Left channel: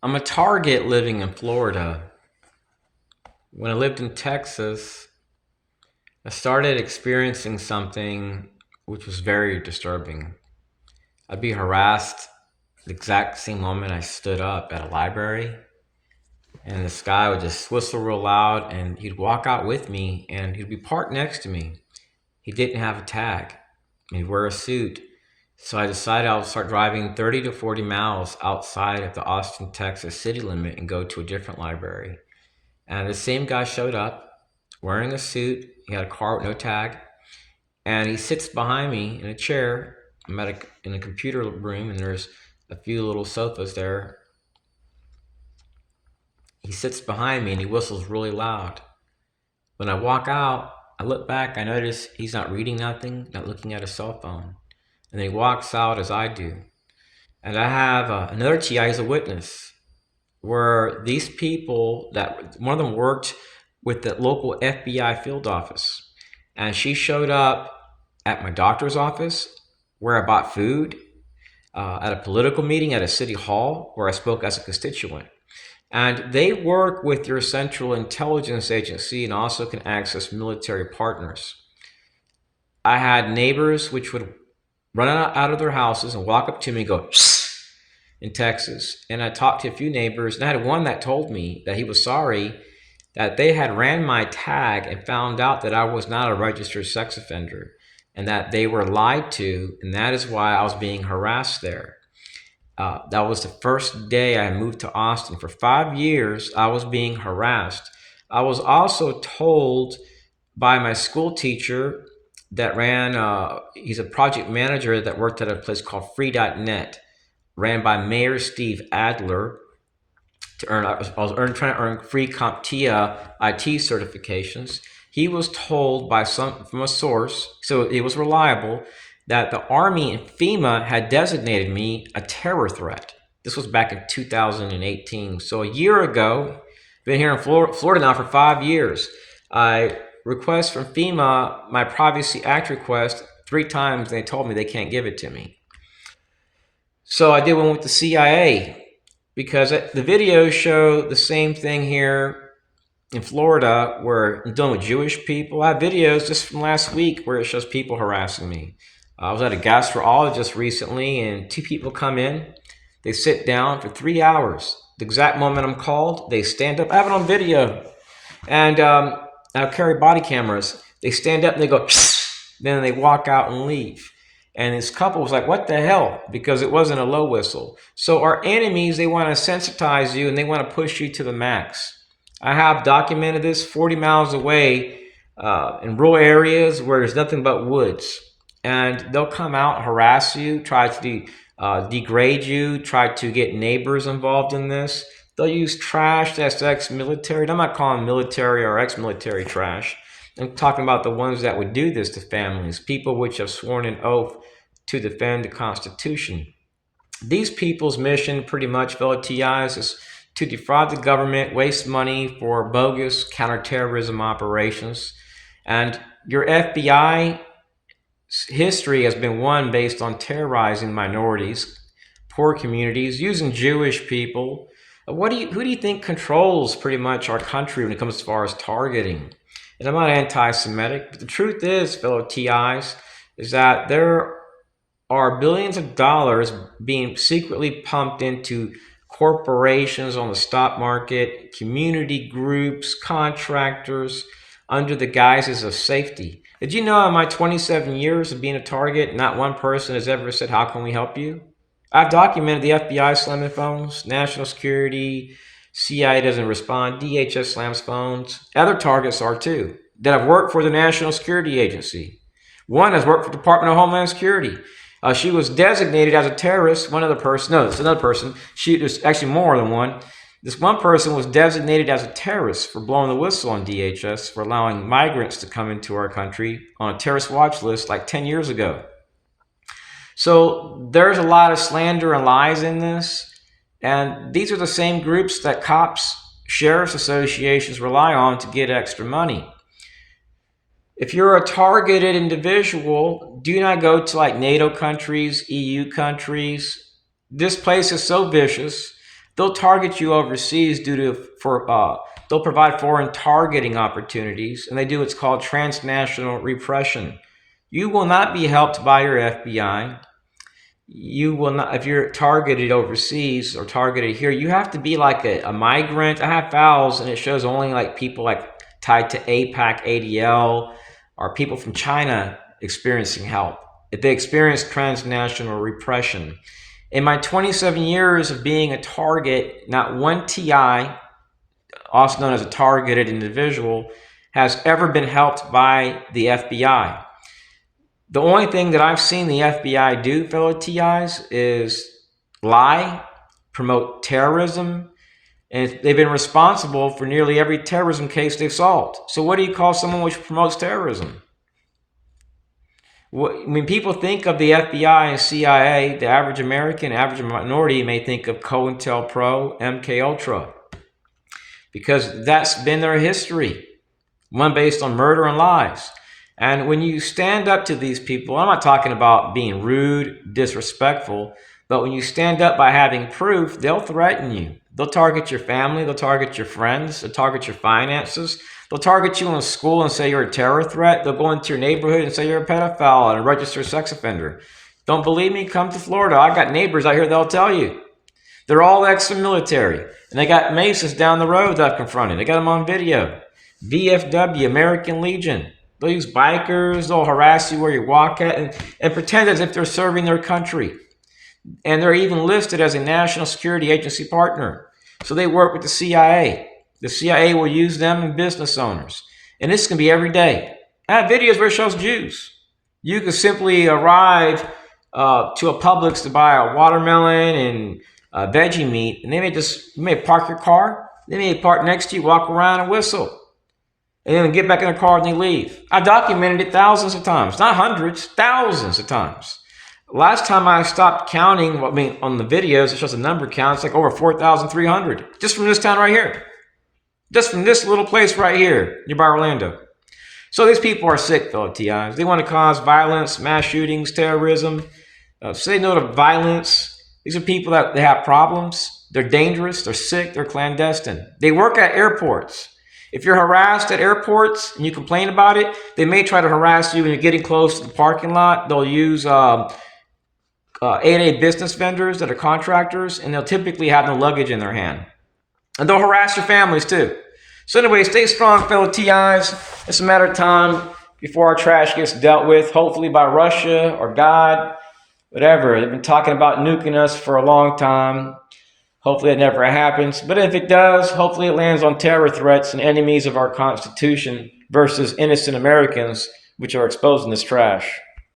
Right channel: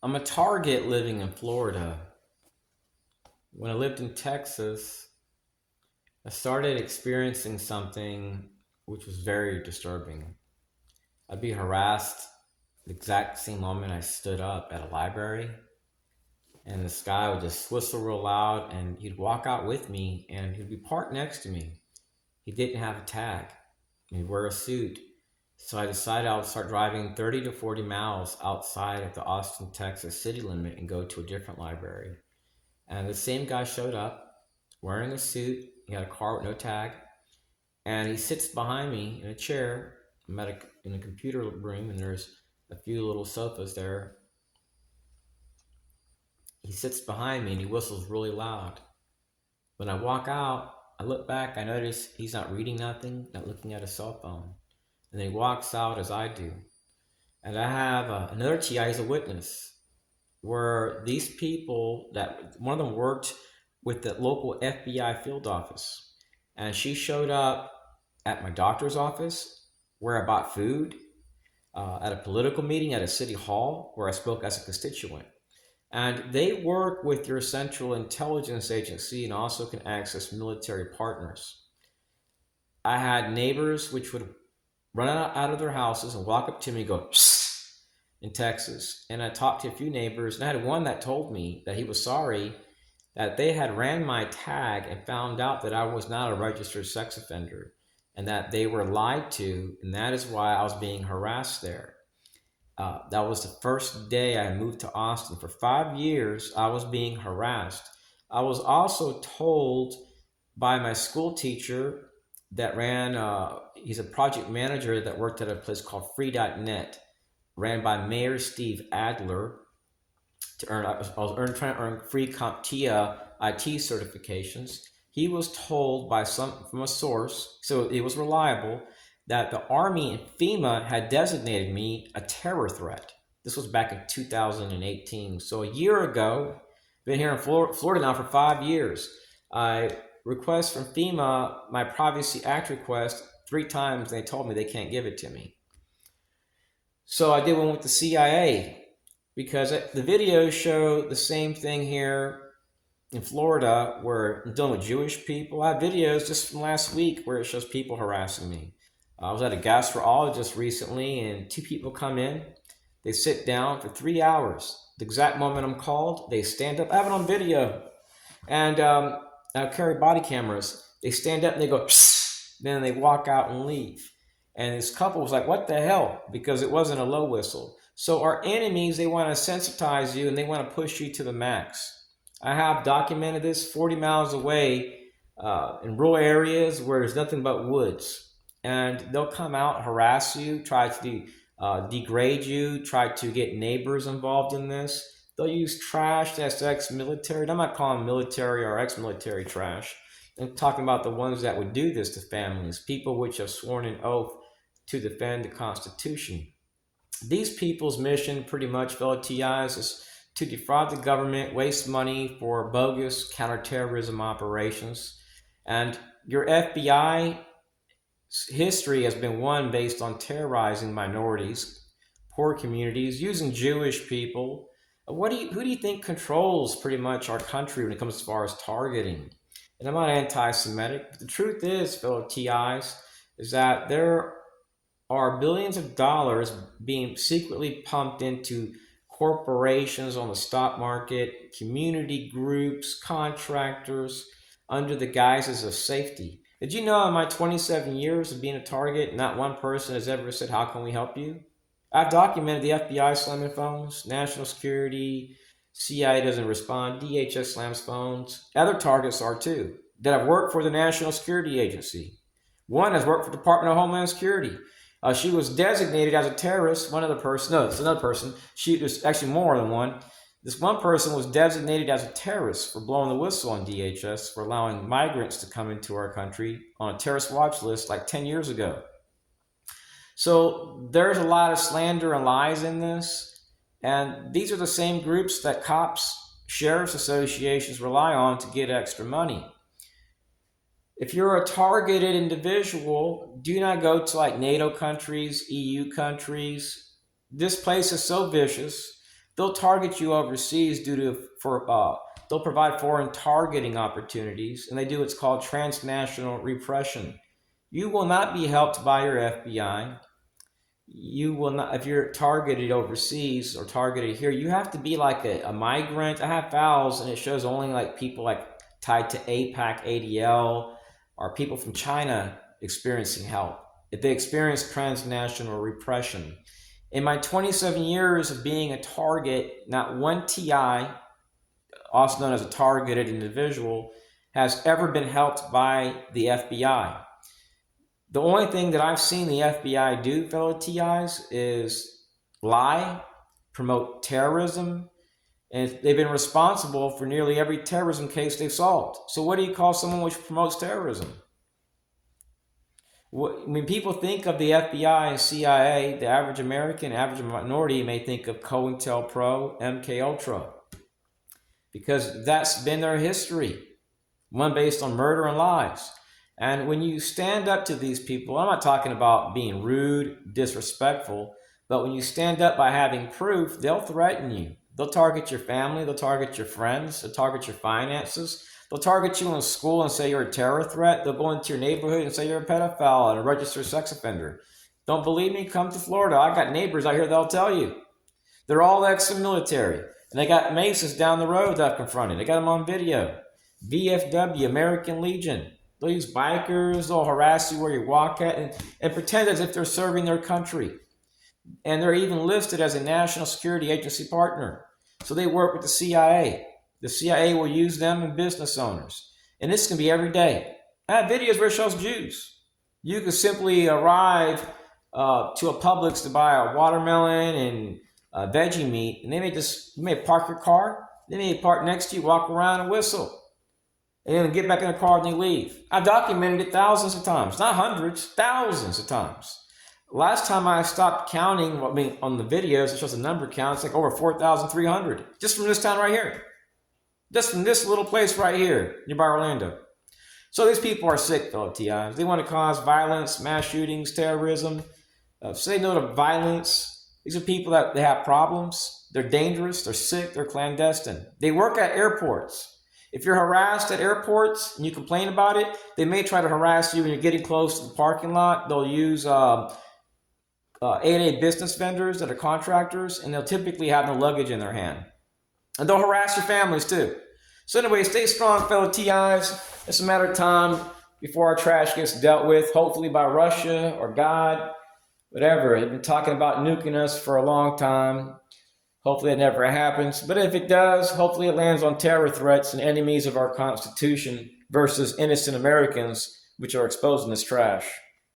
I'm a target living in Florida. When I lived in Texas, I started experiencing something which was very disturbing. I'd be harassed the exact same moment I stood up at a library, and this guy would just whistle real loud, and he'd walk out with me, and he'd be parked next to me. He didn't have a tag. He'd wear a suit. So I decided I'll start driving 30 to 40 miles outside of the Austin, Texas city limit and go to a different library. And the same guy showed up wearing a suit. He had a car with no tag. And he sits behind me in a chair. I'm in a computer room, and there's a few little sofas there. He sits behind me and he whistles really loud. When I walk out, I look back, I notice he's not reading nothing, not looking at his cell phone. And then he walks out as I do. And I have another TI as a witness, where these people, that one of them worked with the local FBI field office, and she showed up at my doctor's office where I bought food, at a political meeting at a city hall where I spoke as a constituent. And they work with your central intelligence agency and also can access military partners. I had neighbors which would run out of their houses and walk up to me and go in Texas. And I talked to a few neighbors, and I had one that told me that he was sorry that they had ran my tag and found out that I was not a registered sex offender, and that they were lied to, and that is why I was being harassed there. That was the first day I moved to Austin. For 5 years, I was being harassed. I was also told by my school teacher that he's a project manager that worked at a place called free.net, ran by Mayor Steve Adler, I was trying to earn free CompTIA IT certifications. He was told from a source, so it was reliable, that the Army and FEMA had designated me a terror threat. This was back in 2018. So a year ago, been here in Florida now for 5 years. I request from FEMA my Privacy Act request 3 times, and they told me they can't give it to me. So I did one with the CIA, because the videos show the same thing here in Florida where I'm dealing with Jewish people. I have videos just from last week where it shows people harassing me. I was at a gastrologist recently, and 2 people come in. They sit down for 3 hours. The exact moment I'm called, they stand up. I have it on video. And I carry body cameras. They stand up and they go, then they walk out and leave. And this couple was like, what the hell? Because it wasn't a low whistle. So our enemies, they want to sensitize you and they want to push you to the max. I have documented this 40 miles away in rural areas where there's nothing but woods. And they'll come out, harass you, try to degrade you, try to get neighbors involved in this. They'll use trash that's ex-military. I'm not calling military or ex-military trash. I'm talking about the ones that would do this to families, people which have sworn an oath to defend the Constitution. These people's mission, pretty much, fellow TIs, is to defraud the government, waste money for bogus counterterrorism operations. And your FBI history has been one based on terrorizing minorities, poor communities, using Jewish people. Who do you think controls pretty much our country when it comes as far as targeting? And I'm not anti-Semitic, but the truth is, fellow TIs, is that there are billions of dollars being secretly pumped into corporations on the stock market, community groups, contractors, under the guises of safety. Did you know in my 27 years of being a target, not one person has ever said, how can we help you? I've documented the FBI slamming phones, national security, CIA doesn't respond, DHS slams phones. Other targets are too, that have worked for the National Security Agency. One has worked for the Department of Homeland Security. She was designated as a terrorist. It's another person. There's actually more than one. This one person was designated as a terrorist for blowing the whistle on DHS for allowing migrants to come into our country on a terrorist watch list like 10 years ago. So there's a lot of slander and lies in this. And these are the same groups that cops, sheriff's associations rely on to get extra money. If you're a targeted individual, do not go to like NATO countries, EU countries. This place is so vicious They'll target you overseas they'll provide foreign targeting opportunities, and they do what's called transnational repression. You will not be helped by your FBI. You will not, if you're targeted overseas or targeted here, you have to be like a migrant. I have files and it shows only like people like tied to APAC, ADL, or people from China experiencing help. If they experience transnational repression. In my 27 years of being a target, not one TI, also known as a targeted individual, has ever been helped by the FBI. The only thing that I've seen the FBI do, fellow TIs, is lie, promote terrorism, and they've been responsible for nearly every terrorism case they've solved. So what do you call someone which promotes terrorism? When people think of the FBI and CIA, the average American, average minority may think of COINTELPRO, MK Ultra, because that's been their history, one based on murder and lies. And when you stand up to these people, I'm not talking about being rude, disrespectful, but when you stand up by having proof, they'll threaten you. They'll target your family, they'll target your friends, they'll target your finances. They'll target you in school and say you're a terror threat. They'll go into your neighborhood and say you're a pedophile and a registered sex offender. Don't believe me? Come to Florida. I got neighbors out here, they'll tell you. They're all ex-military. And they got Masons down the road that I've confronted. They got them on video. VFW, American Legion. They'll use bikers, they'll harass you where you walk at and pretend as if they're serving their country. And they're even listed as a national security agency partner. So they work with the CIA. The CIA will use them and business owners. And this can be every day. I have videos where it shows Jews. You can simply arrive to a Publix to buy a watermelon and veggie meat, and you may park your car, they may park next to you, walk around and whistle. And then get back in their car and they leave. I've documented it thousands of times, not hundreds, thousands of times. Last time I stopped counting, on the videos, it shows a number count, it's like over 4,300, just from this town right here. Just from this little place right here, nearby Orlando. So these people are sick, fellow TIs. They want to cause violence, mass shootings, terrorism. Say no to violence. These are people that they have problems. They're dangerous, they're sick, they're clandestine. They work at airports. If you're harassed at airports and you complain about it, they may try to harass you when you're getting close to the parking lot. They'll use 8A business vendors that are contractors, and they'll typically have no luggage in their hand. And they'll harass your families too. So anyway, stay strong, fellow TIs. It's a matter of time before our trash gets dealt with, hopefully by Russia or God, whatever. They've been talking about nuking us for a long time. Hopefully it never happens. But if it does, hopefully it lands on terror threats and enemies of our Constitution versus innocent Americans, which are exposing this trash.